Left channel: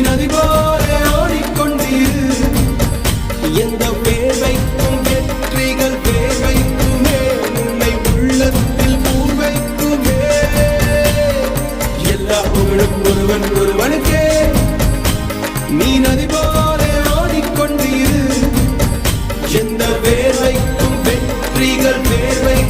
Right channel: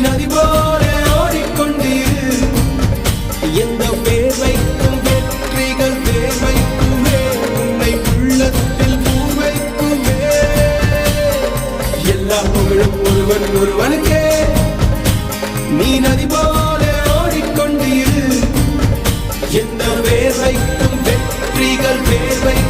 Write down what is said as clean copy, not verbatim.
நதி போல ஓடிக்கொண்டீர். எந்த வேர்வைக்கும் வெற்றிகள் வேர்வைக்குமே, உன்னை உள்ளத்தில் பூர்வைக்குமே. எல்லா புகழும் ஒருவன் ஒருவனுக்கே. நீ நதி போல ஓடிக்கொண்டீர். எந்த வேர்வைக்கும் வெற்றிகள் வேர்வை